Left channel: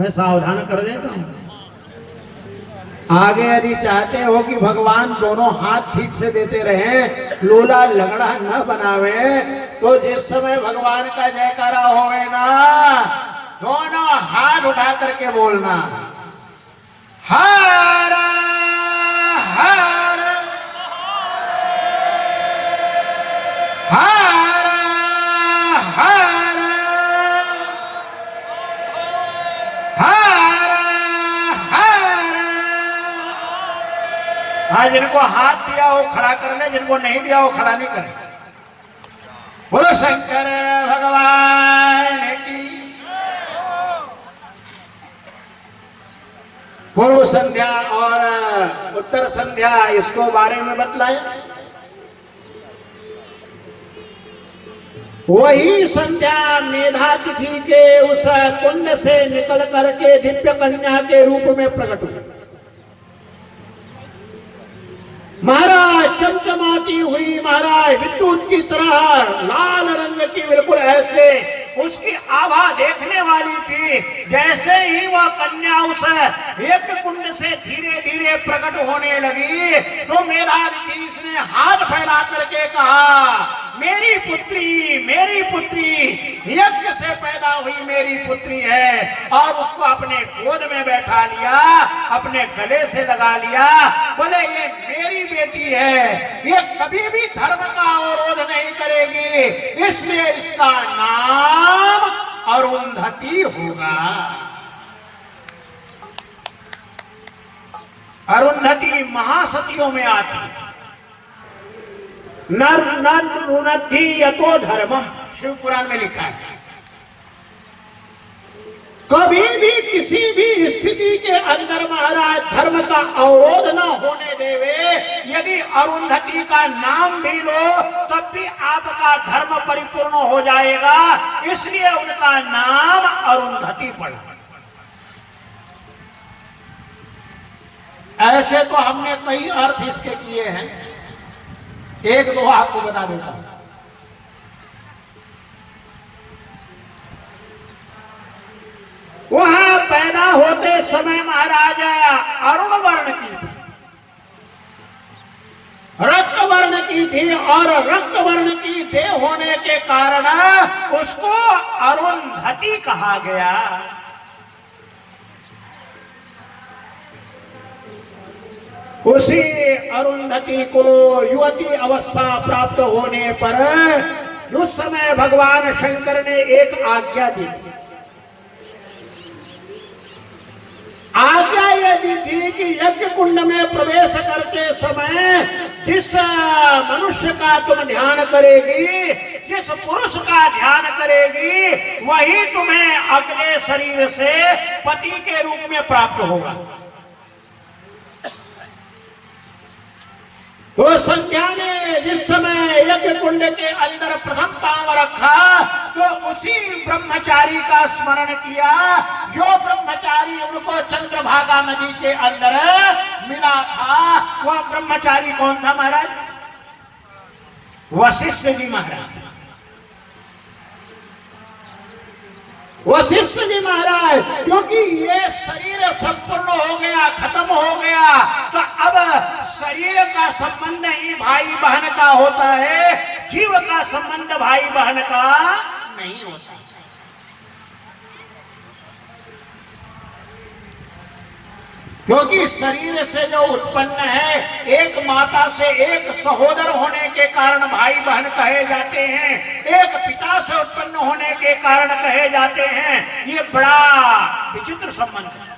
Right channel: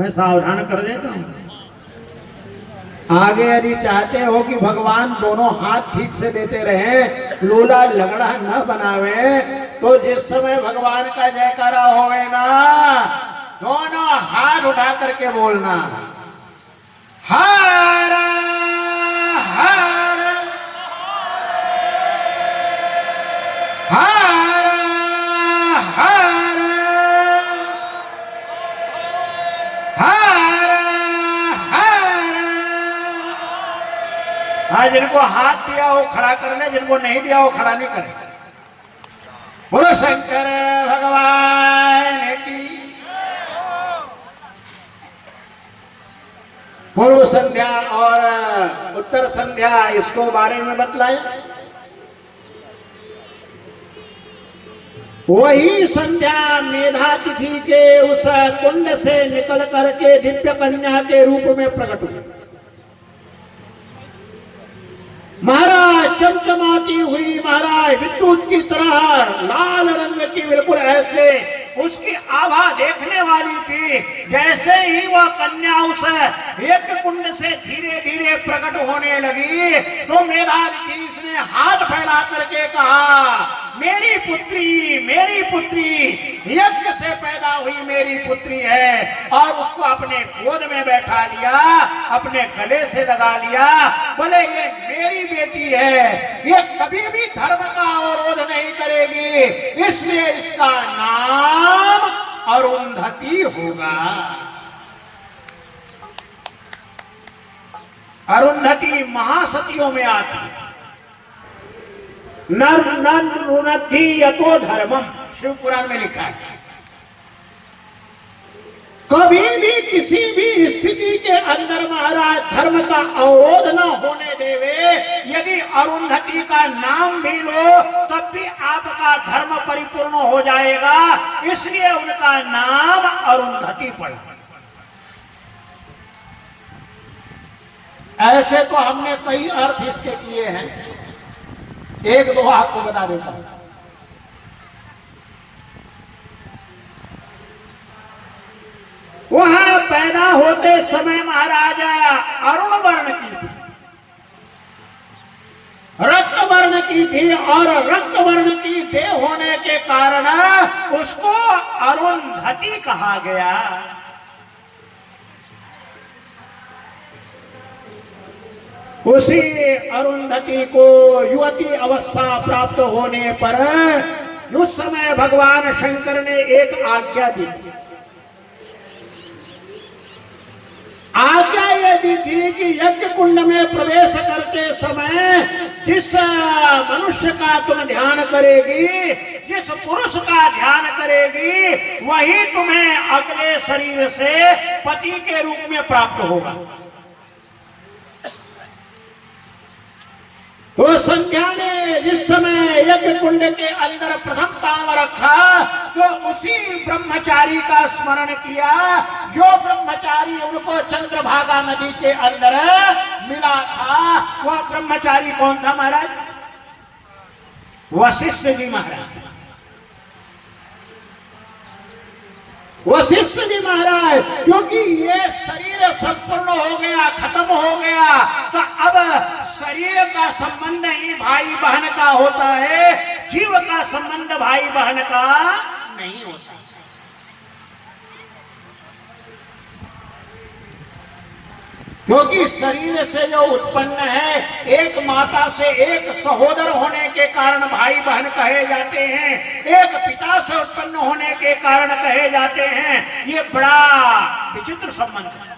मैं सावधान कर देता हूं। आगे यदि चाहते हो कि भगवान दोनों हाथ ठीक से देते रहे, लोला लगड़ा न बनावे, तो जिस समय भगवान का जयकारा होवे ना, दोनों हाथ उठा करके बोलना, हर हर हर हर हर हर। हाँ, जिनको हाथ दिया हो खड़ा कर ले, जिनको नहीं दिया हो खड़ा नहीं करे। बोलो शंकर भगवान की। पूर्व संध्या और उत्तर संध्या, इसको बारे में बतलाए। वही संध्या मेधा तिथि के उस कुंड से निकल करके दिव्य कन्या के रूप में प्रकट हुई। महाराज चमचमाती हुई, महाराज विद्युत की तरह लाल रंग की, बिल्कुल ऐसे उसकी आभा देखने वाली थी। जैसे ही वह कन्या उस एक कुंड से धीरे धीरे प्रकट होने लगी, तो मेधातिथि ने हाथ फैला करके कहा, मेरी पुत्री यज्ञ से पैदा हुई मेरी पुत्री है। और उसको अपने गोद में बैठा लिया, अपने गले से लगा लिया। बोले ये मेरी बेटी है, ये कभी भी धर्म का अवरोध नहीं करेगी, इसलिए इसका नाम अरुंधति होगा। अरुंधति महासतियों में आती है। नर रुणद्धि यतो धर्मम, शिवपुराण में लिखा है। कभी भी किसी भी स्थिति के अंदर महाराज धर्म का अवरोध न होने देवे। यदि अरुंधति का नाम भी लो तब भी आपका धर्म परिपूर्ण हो जाएगा, इसलिए उनका नाम अरुंधति पड़ा। ऐसे तो हमने कई अर्थ इसके किए हैं, एक दो आपको बता देता हूं। वहां पैदा होते समय महाराजा अरुण वर्ण की थी, रक्त वर्ण की थी, और रक्त वर्ण की देह होने के कारण उसको अरुंधति कहा गया। उसी अरुंधति को युवती अवस्था प्राप्त होने पर उस समय भगवान शंकर ने एक आज्ञा दी थी। आज्ञा यह दी थी कि यज्ञ कुंड में प्रवेश करते समय जिस मनुष्य का तुम ध्यान करेगी, जिस पुरुष का ध्यान करेगी, वही तुम्हें अगले शरीर से पति के रूप में प्राप्त होगा। उस संध्या ने जिस समय यज्ञ कुंड के अंदर प्रथम पांव रखा, तो उसी ब्रह्मचारी का स्मरण किया जो ब्रह्मचारी उनको चंद्रभागा नदी के अंदर मिला था। वह ब्रह्मचारी कौन था महाराज? वशिष्ठ जी महाराज। वशिष्ठ जी महाराज, क्योंकि ये शरीर संपूर्ण हो गया, खत्म हो गया, तो अब शरीर का संबंध ही भाई बहन का होता है, जीव का संबंध भाई बहन का नहीं होता। क्योंकि शरीर से जो उत्पन्न है, एक माता से एक सहोदर होने के कारण भाई बहन कहे जाते हैं, एक पिता से उत्पन्न होने के कारण कहे जाते हैं। ये बड़ा विचित्र संबंध है।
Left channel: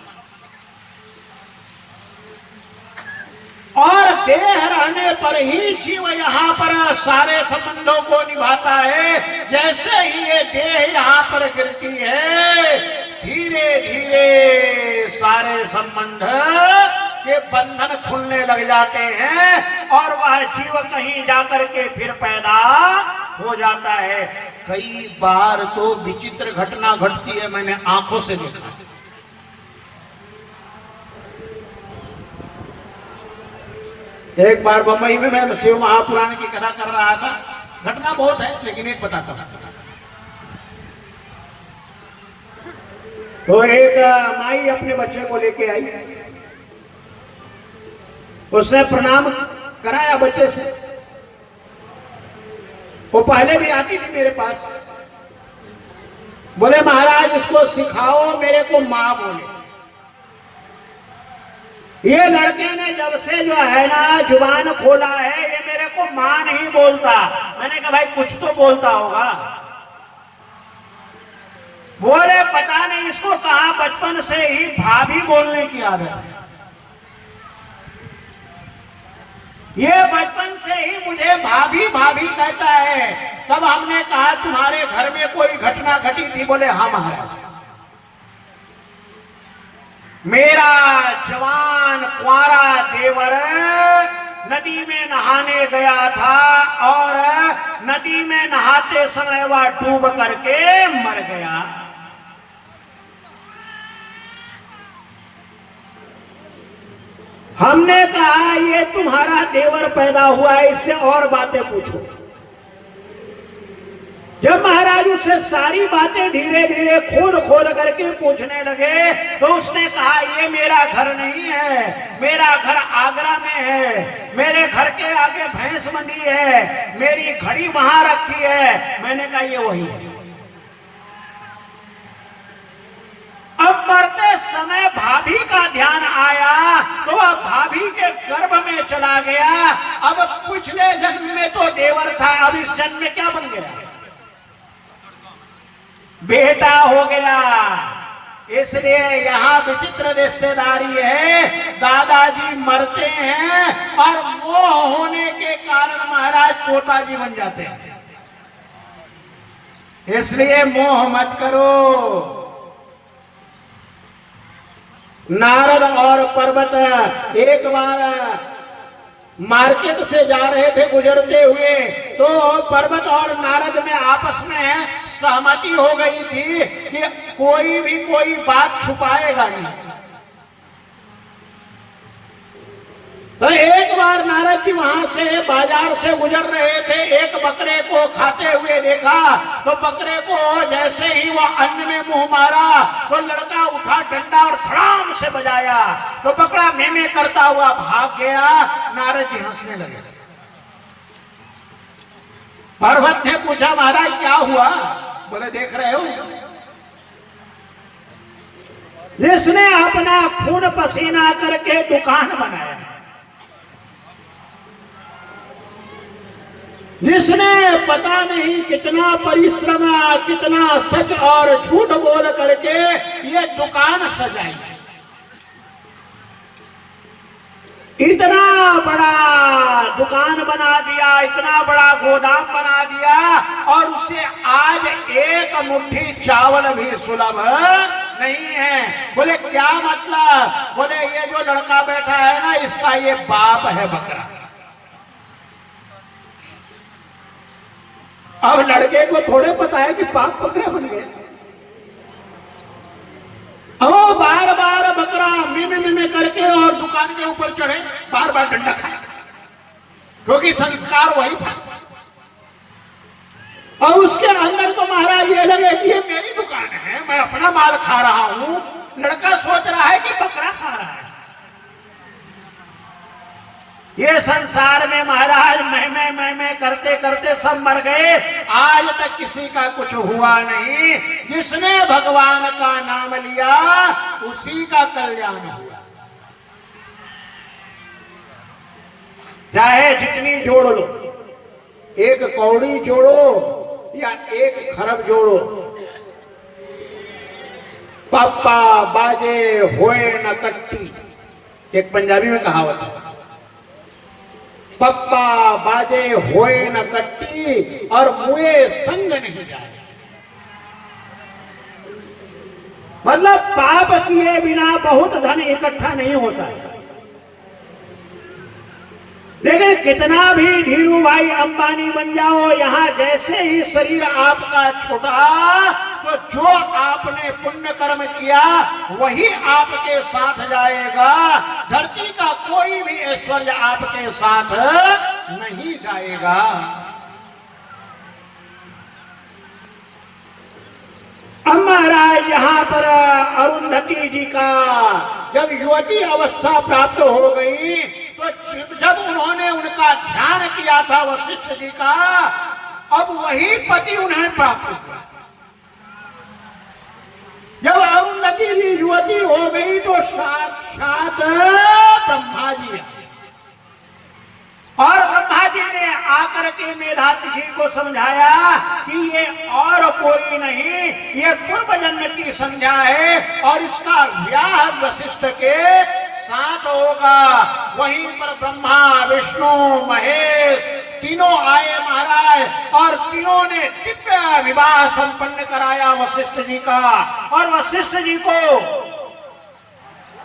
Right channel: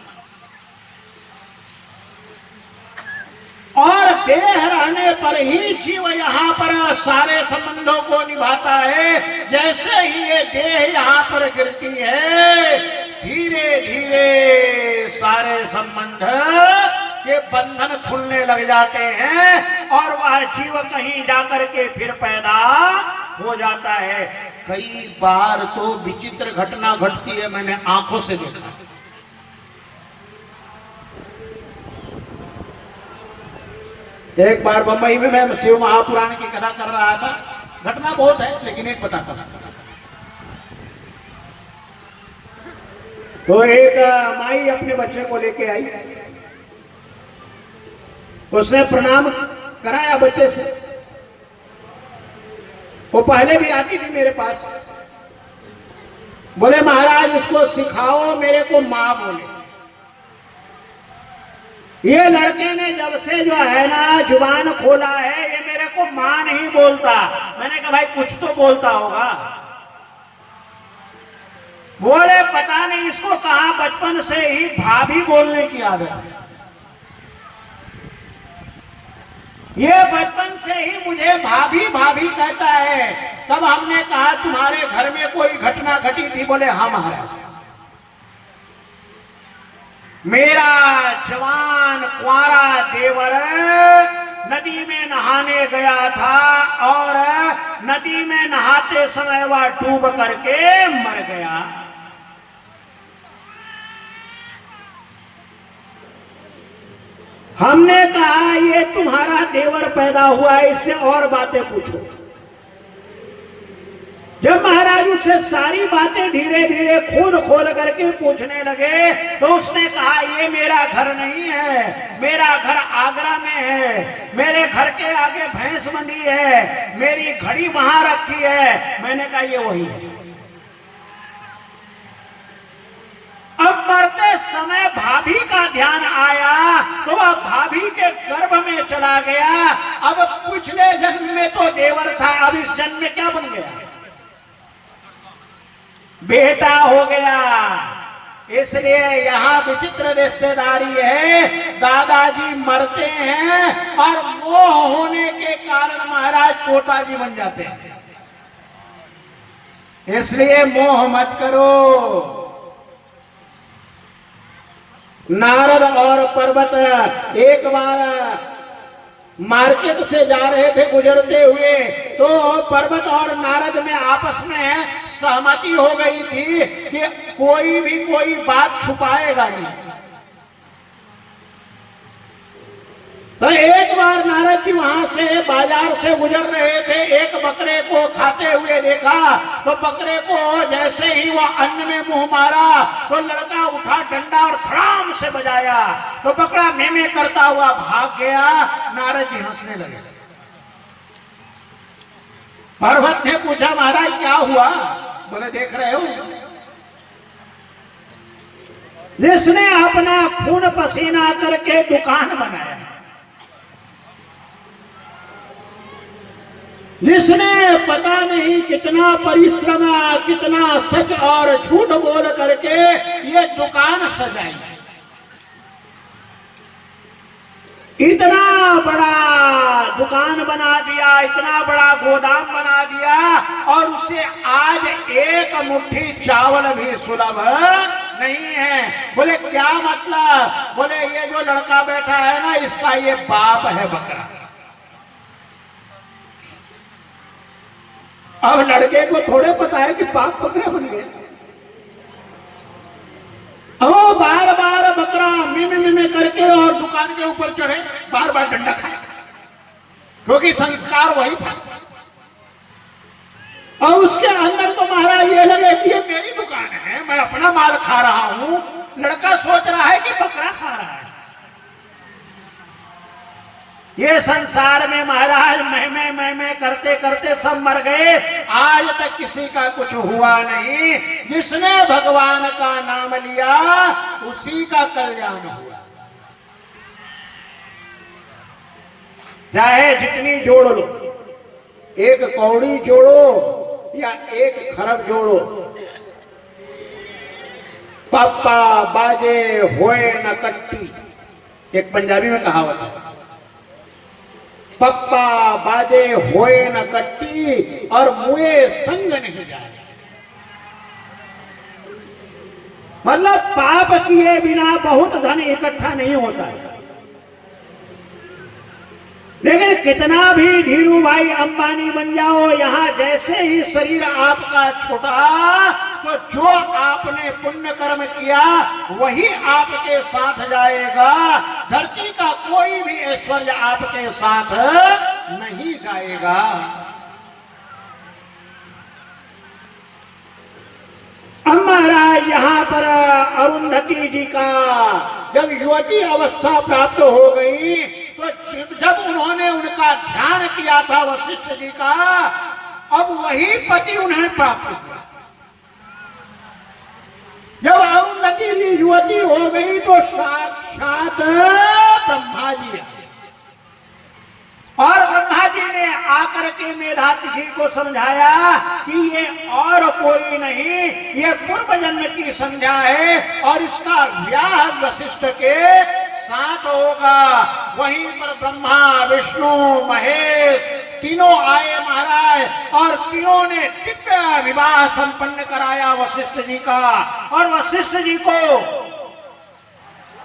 और देह रहने पर ही जीव यहाँ पर सारे संबंधों को निभाता है। जैसे ही ये देह यहाँ पर गिरती है, धीरे धीरे सारे संबंध के बंधन खुलने लग जाते हैं और वह जीव कहीं जाकर के फिर पैदा हो जाता है। कई बार तो विचित्र घटना घटती है, मैंने आंखों से देखा। एक बार बंबई में मैं शिव महापुराण की कथा कर रहा था। घटना बहुत है लेकिन एक बताता हूं। तो एक माई अपने बच्चे को लेके आई, उसने प्रणाम कराया बच्चे से। वो पहले भी आती थी मेरे पास, बोले महाराज इसको सिखाओ मेरे को मां बोले। ये लड़के ने जब से जो है ना जुबान खोला है, ये मेरे को मां नहीं बोलता। मैंने कहा भाई कुछ तो बोलता होगा। बोले पता नहीं इसको कहा बचपन से ही भाभी बोलने की आदत है। ये बचपन से ही मुझे भाभी भाभी कहता है। तब हमने कहा तुम्हारे घर में कोई घटना घटी थी? बोले हाँ महाराज, मेरा जवान कुंवारा देवर नदी में नहाने गया था और नदी में नहाते समय वह डूब करके मर गया। हमने कहा ये तुम्हारा देवर पैदा हुआ, इससे और बातें पूछो। जब महाराज उसे सारी बातें धीरे धीरे खोल खोल करके पूछने लगे तो उसने कहा ये मेरा घर नहीं है, मेरा घर आगरा में है, मेरे घर के आगे भैंस बंधी है, मेरी घड़ी वहां रखी है। मैंने कहा ये वही है। अब मरते समय भाभी का ध्यान आया तो वह भाभी के गर्भ में चला गया। अब पिछले जन्म में तो देवर था, अब इस जन्म में क्या बन गया? बेटा हो गया। इसलिए यहाँ विचित्र रिश्तेदारी है, दादाजी मरते हैं और मोह होने के कारण महाराज पोताजी बन जाते हैं। इसलिए मोह मत करो। नारद और पर्वत एक बार मार्केट से जा रहे थे गुजरते हुए, तो पर्वत और नारद में आपस में सहमति हो गई थी कि कोई भी कोई बात छुपाएगा नहीं। तो एक बार नारद जी वहां से बाजार से गुजर रहे थे, एक बकरे को खाते हुए देखा। तो बकरे को जैसे ही वह अन्न में मुंह मारा तो लड़का उठा डंडा और धड़ाम से बजाया, तो बकरा में करता हुआ भाग गया। नारद जी हंसने लगे। पर्वत ने पूछा महाराज क्या हुआ? बोले देख रहे हो, जिसने अपना खून पसीना करके दुकान बनाया, जिसने पता नहीं कितना परिश्रम, कितना सच और झूठ बोल करके ये दुकान सजाई, इतना बड़ा दुकान बना दिया, इतना बड़ा गोदाम बना दिया और उसे आज एक मुट्ठी चावल भी सुलभ नहीं है। बोले क्या मतलब? बोले ये जो लड़का बैठा है ना, इसका ये बाप है बकरा। अब लड़के को थोड़े पता है कि बाप बकरे बन गए। अब बार बार बकरा मिमी करके और दुकान के ऊपर चढ़े, बार बार डंडा खाए, क्योंकि संस्कार वही था। और उसके अंदर तो महाराज ये लगे कि ये मेरी दुकान है, मैं अपना माल खा रहा हूं। लड़का सोच रहा है कि बकरा खा रहा है। ये संसार में महाराज मैं करते करते सब मर गए, आज तक किसी का कुछ हुआ नहीं। जिसने भगवान का नाम लिया उसी का कल्याण हुआ। चाहे जितनी जोड़ लो, एक कौड़ी जोड़ो या एक खरब जोड़ो, पापा बाजे होए न कट्टी, एक पंजाबी में कहावत है, पप्पा बाजे होए न कट्टी और मुए संग नहीं जाए। मतलब पाप किए बिना बहुत धन इकट्ठा नहीं होता है। लेकिन कितना भी धीरू भाई अंबानी बन जाओ, यहाँ जैसे ही शरीर आपका छूटा तो जो आपने पुण्य कर्म किया वही आपके साथ जाएगा। धरती का कोई भी ऐश्वर्य आपके साथ नहीं जाएगा। अब महाराज यहाँ पर अरुंधति जी का जब युवती अवस्था प्राप्त हो गई तो जब उन्होंने उनका ध्यान किया था वशिष्ठ जी का, अब वही पति उन्हें प्राप्त हुआ। जब अरुंधति जी युवती हो गई तो साक्षात ब्रह्मा जी आए और ब्रह्मा जी ने आकर के मेधाती जी को समझाया कि ये और कोई नहीं, ये पूर्व जन्म की संज्ञा है और इसका विवाह वशिष्ठ के साथ होगा। वहीं पर ब्रह्मा विष्णु महेश तीनों आए महाराज और तीनों ने दिव्य विवाह संपन्न कराया वशिष्ठ जी का। और वशिष्ठ जी को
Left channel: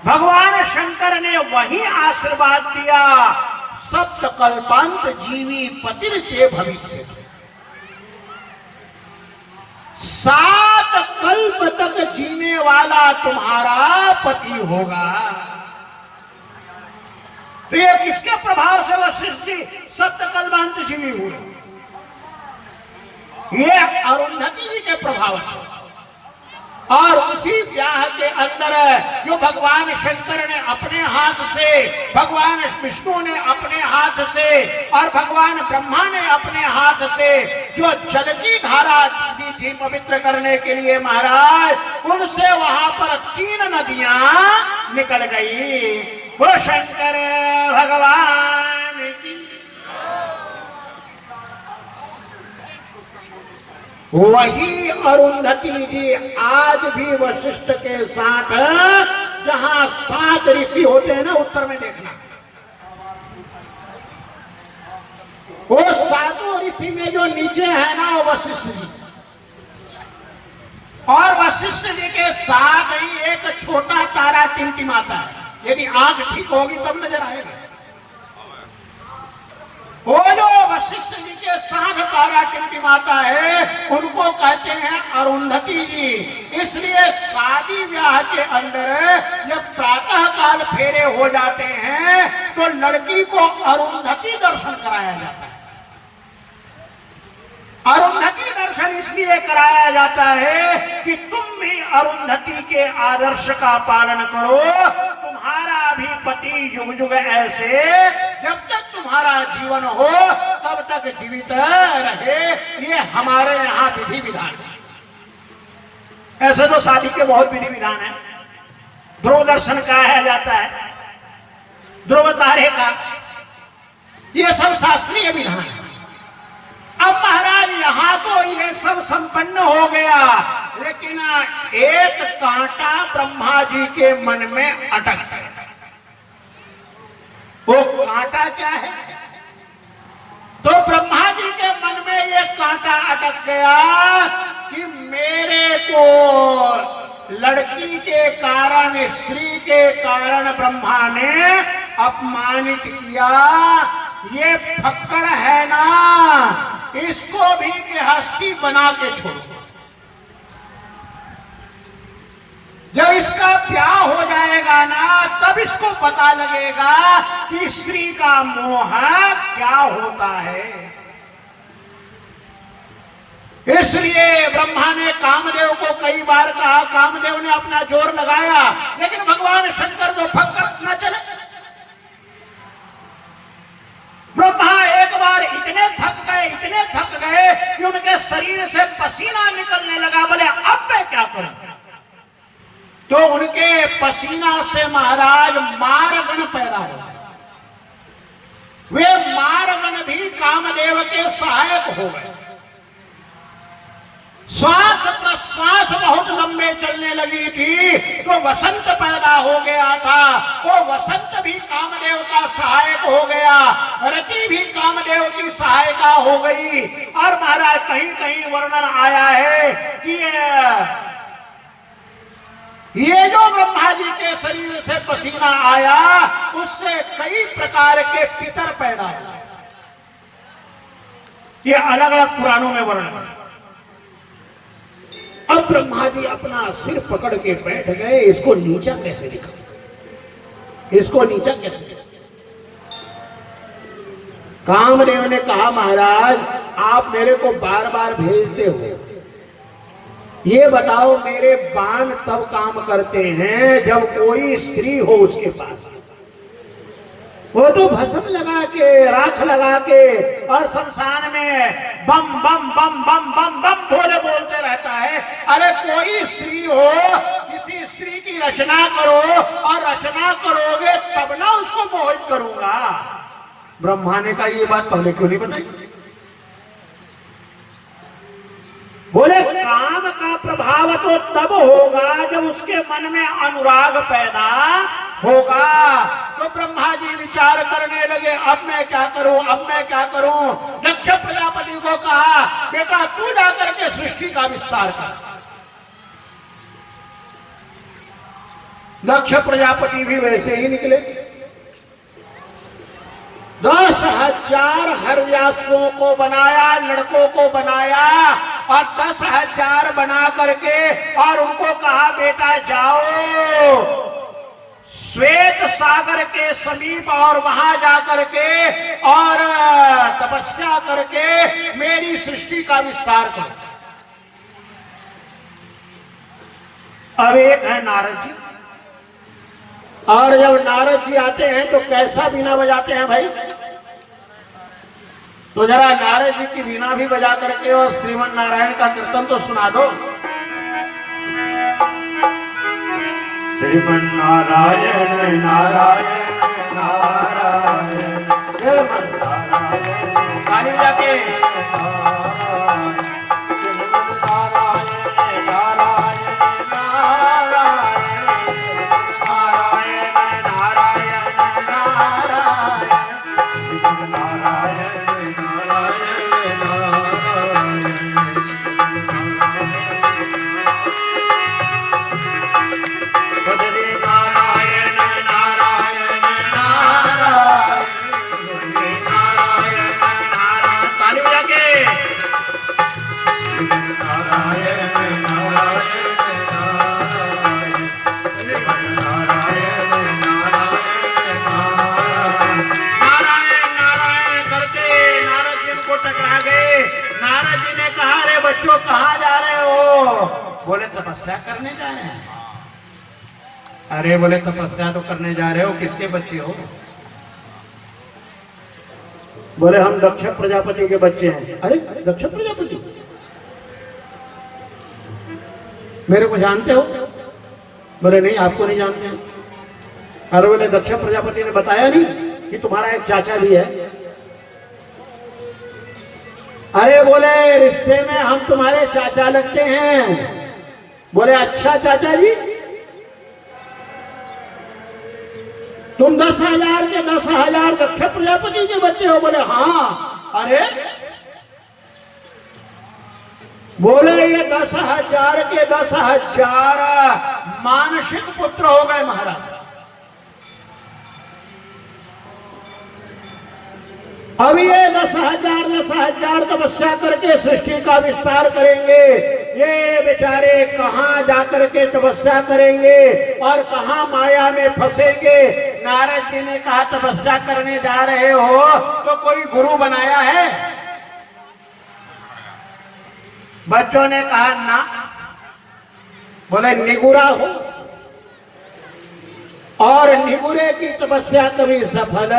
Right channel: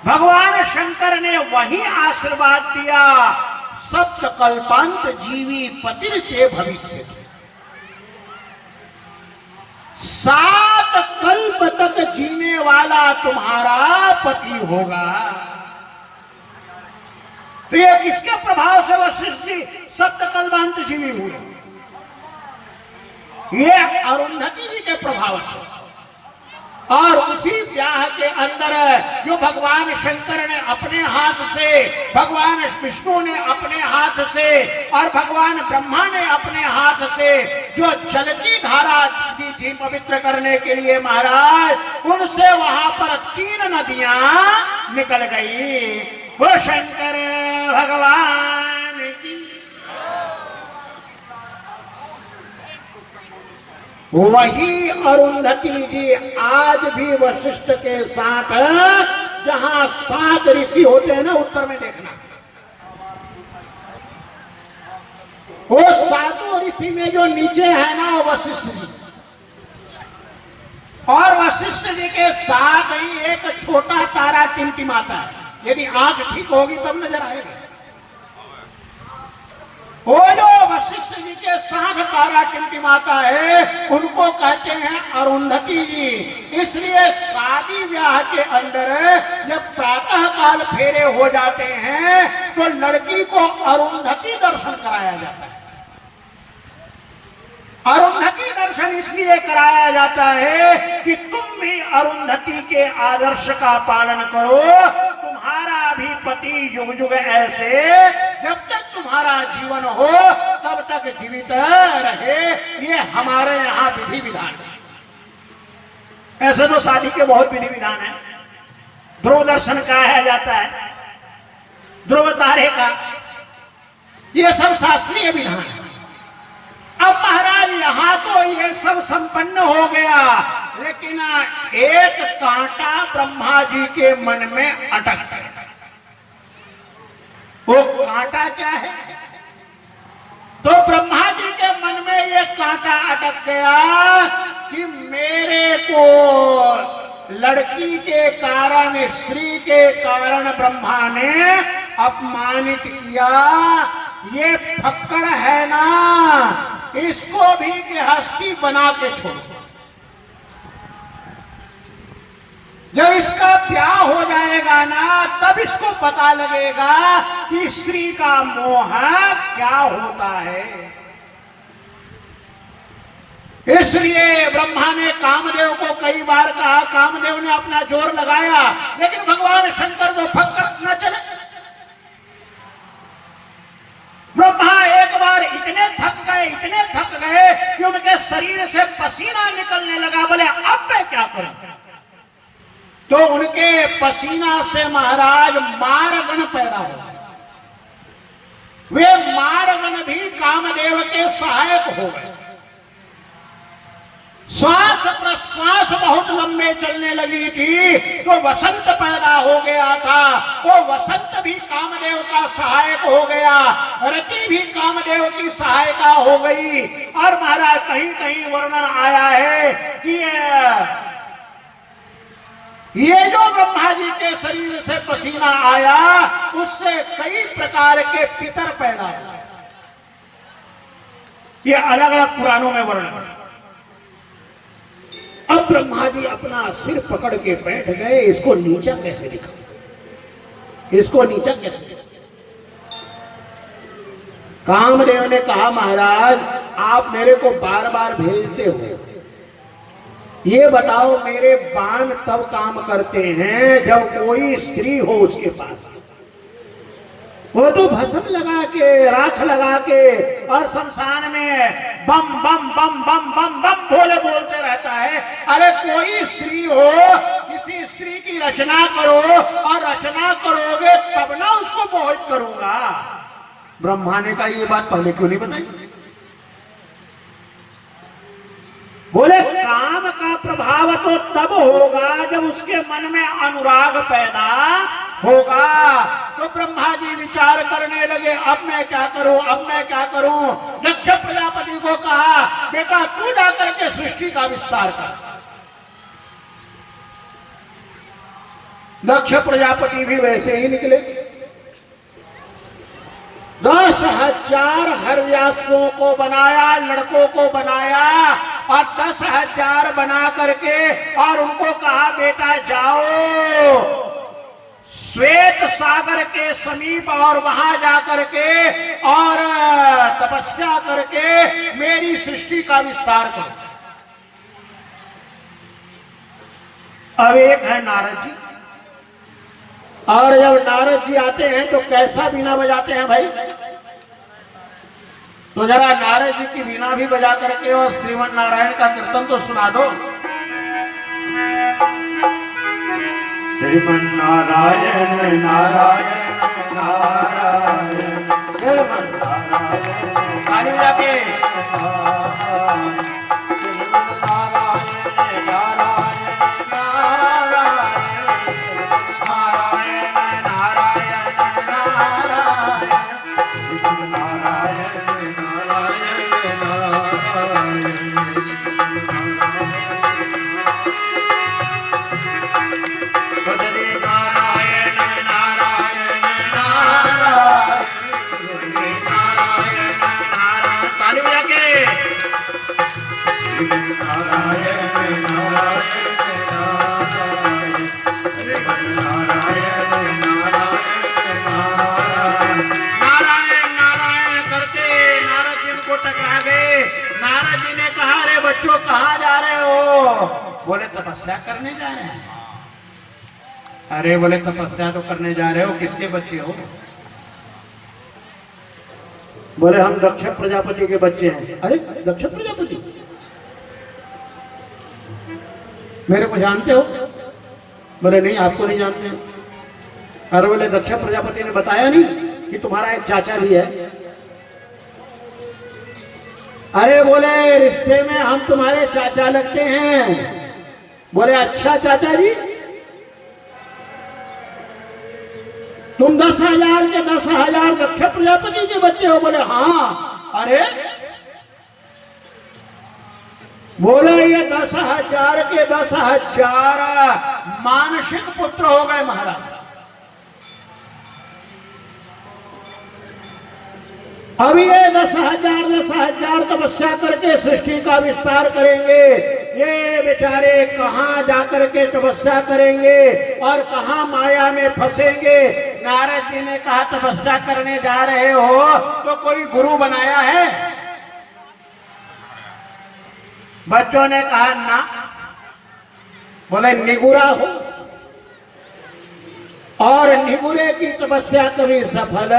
भगवान शंकर ने वही आशीर्वाद दिया, सप्त कल्पांत जीवी पतिर्ते भविष्य, 7 कल्प तक जीने वाला तुम्हारा पति होगा। तो ये किसके प्रभाव से वशिष्ठ जी सप्त कल्पांत जीवी हुए? ये अरुंधति जी के प्रभाव से। और उसी ब्याह के अंदर जो भगवान शंकर ने अपने हाथ से, भगवान विष्णु ने अपने हाथ से और भगवान ब्रह्मा ने अपने हाथ से जो जल की धारा दी थी पवित्र करने के लिए महाराज, उनसे वहां पर 3 नदियां निकल गई। वो शंकर भगवान की। वही अरुंधति जी आज भी वशिष्ठ के साथ, जहां 7 ऋषि होते हैं ना, उत्तर में देखना, वो 7 ऋषि में जो नीचे है ना वो वशिष्ठ जी, और वशिष्ठ जी के साथ ही एक छोटा तारा टिमटिमाता है। यदि आंख ठीक होगी तब नजर आएगा। वो जो वशिष्ठ जी के साथ तारा टिमटिमाता है उनको कहते हैं अरुंधति जी। इसलिए शादी ब्याह के अंदर जब प्रातः काल फेरे हो जाते हैं तो लड़की को अरुंधति दर्शन कराया जाता है। अरुंधति दर्शन इसलिए कराया जाता है कि तुम भी अरुंधति के आदर्श का पालन करो, तुम्हारा भी पति युग युग ऐसे, जब तक तुम्हारा जीवन हो तब तक जीवित रहे। ये हमारे यहाँ विधि विधान है। ऐसे तो शादी के बहुत विधि विधान है। ध्रुव दर्शन कराया जाता है, ध्रुव तारे का, ये सब शास्त्रीय विधान है। अब महाराज यहाँ तो ये सब संपन्न हो गया, लेकिन एक कांटा ब्रह्मा जी के मन में अटक गया। वो कांटा क्या है? तो ब्रह्मा जी के मन में ये कांटा अटक गया कि मेरे को लड़की के कारण, स्त्री के कारण ब्रह्मा ने अपमानित किया। ये फक्कड़ है ना, इसको भी गृहस्थी बना के छोड़। जब इसका ब्याह हो जाएगा ना तब इसको पता लगेगा कि स्त्री का मोह क्या होता है। इसलिए ब्रह्मा ने कामदेव को कई बार कहा, कामदेव ने अपना जोर लगाया, लेकिन भगवान शंकर को फक्कड़ न चले। ब्रह्मा एक बार इतने थक गए कि उनके शरीर से पसीना निकलने लगा। बोले अब मैं क्या करूं? तो उनके पसीना से महाराज मारगण पैदा हुआ। वे मारगण भी कामदेव के सहायक हो गए। श्वास प्रश्वास बहुत लंबे चलने लगी थी तो वसंत पैदा हो गया था। वो वसंत भी कामदेव का सहायक हो गया, रति भी कामदेव की सहायता हो गई। और महाराज कहीं कहीं वर्णन आया है कि ये जो ब्रह्मा जी के शरीर से पसीना आया उससे कई प्रकार के पितर पैदा हुए। ये अलग अलग पुराणों में वर्णन है। अब ब्रह्मा जी अपना सिर पकड़ के बैठ गए, इसको नीचा कैसे दिखाए, इसको नीचा कैसे दिखाए। कामदेव ने कहा महाराज आप मेरे को बार बार भेजते हो, ये बताओ मेरे बाण तब काम करते हैं जब कोई स्त्री हो उसके पास। वो तो भस्म लगा के, राख लगा के और शमशान में बम बम बम बम बम बम बोले बोलते रहता है। अरे कोई स्त्री हो, किसी स्त्री की रचना करो और रचना करोगे तब ना उसको मोहित करूंगा। ब्रह्मा ने कहा ये बात पहले क्यों नहीं बताई? बोले काम का प्रभाव तो तब होगा जब उसके मन में अनुराग पैदा होगा। तो ब्रह्मा जी विचार करने लगे, अब मैं क्या करूं, अब मैं क्या करूं। दक्ष प्रजापति को कहा बेटा तू जाकर के सृष्टि का विस्तार कर। दक्ष प्रजापति भी वैसे ही निकले। 10,000 हरव्यासों को बनाया, लड़कों को बनाया और 10,000 बना करके और उनको कहा बेटा जाओ श्वेत सागर के समीप और वहां जाकर के और तपस्या करके मेरी सृष्टि का विस्तार करो। अब एक है नारद जी, और जब नारद जी आते हैं तो कैसा बीना बजाते हैं भाई? तो जरा नारद जी की बीना भी बजा करके और श्रीमन नारायण का कीर्तन तो सुना दो। श्रीमन नारायण नारायण नारायण ताली बजा के बोले तपस्या करने जा रहे हैं। अरे बोले तपस्या तो करने जा रहे हो, किसके बच्चे हो? बोले हम दक्ष प्रजापति के बच्चे हैं। अरे दक्ष प्रजापति मेरे को जानते हो? बोले नहीं आपको नहीं जानते हैं। अरे बोले दक्ष प्रजापति ने बताया नहीं कि तुम्हारा एक चाचा भी है? अरे बोले रिश्ते में हम तुम्हारे चाचा लगते हैं। बोले अच्छा चाचा जी, तुम 10,000 के 10,000 दक्ष प्रजापति के बच्चे हो? बोले हाँ। अरे बोले ये 10,000 के 10,000 मानसिक पुत्र हो गए महाराज। अभी ये 10,000 तपस्या करके सृष्टि का विस्तार करेंगे। ये बेचारे कहाँ जाकर के तपस्या करेंगे और कहाँ माया में फंसेंगे। नारद जी ने कहा तपस्या करने जा रहे हो तो कोई गुरु बनाया है? बच्चों ने कहा ना। बोले निगुरा हो, और निगुरे की तपस्या कभी सफल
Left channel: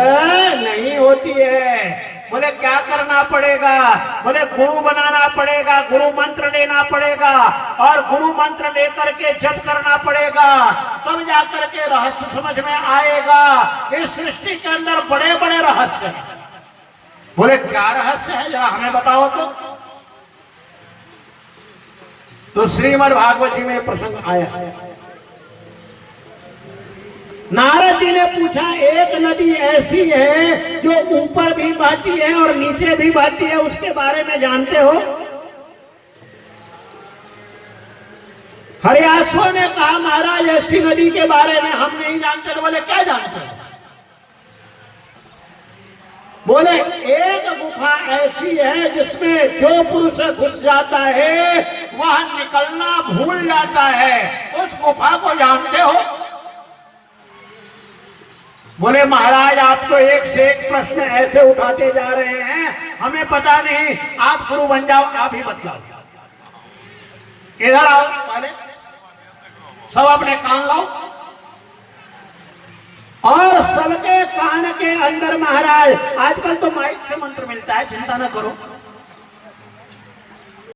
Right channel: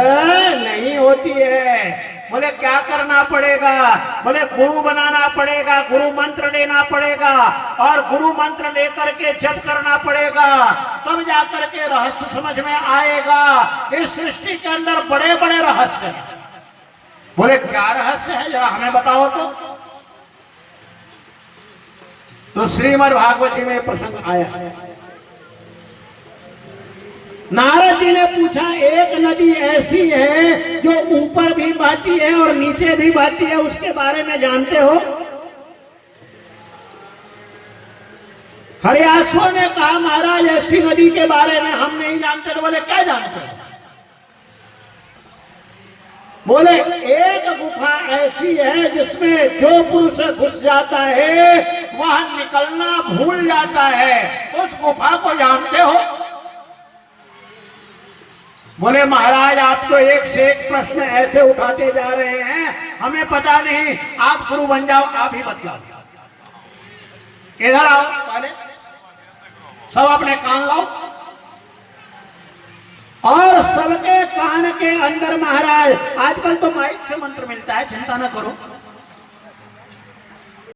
नहीं होती है। बोले क्या करना पड़ेगा? बोले गुरु बनाना पड़ेगा, गुरु मंत्र लेना पड़ेगा और गुरु मंत्र लेकर के जप करना पड़ेगा, तब जाकर के रहस्य समझ में आएगा। इस सृष्टि के अंदर बड़े बड़े रहस्य हैं। बोले क्या रहस्य है जरा हमें बताओ तो श्रीमद् भागवत जी में प्रसंग आया। नारद जी ने पूछा एक नदी ऐसी है जो ऊपर भी बहती है और नीचे भी बहती है, उसके बारे में जानते हो? हरियासुआ ने कहा महाराज ऐसी नदी के बारे में हम नहीं जानते। तो बोले क्या जानते हो? बोले एक गुफा ऐसी है जिसमें जो पुरुष घुस जाता है वह निकलना भूल जाता है। उस गुफा को जानते हो? बोले महाराज आप तो एक से एक प्रश्न ऐसे उठाते जा रहे हैं, हमें पता नहीं। आप गुरु बन जाओ, आप ही बतला दो। इधर आओ पहले, सब अपने कान लाओ और सबके कान के अंदर महाराज, आजकल तो माइक से मंत्र मिलता है, चिंता ना करो,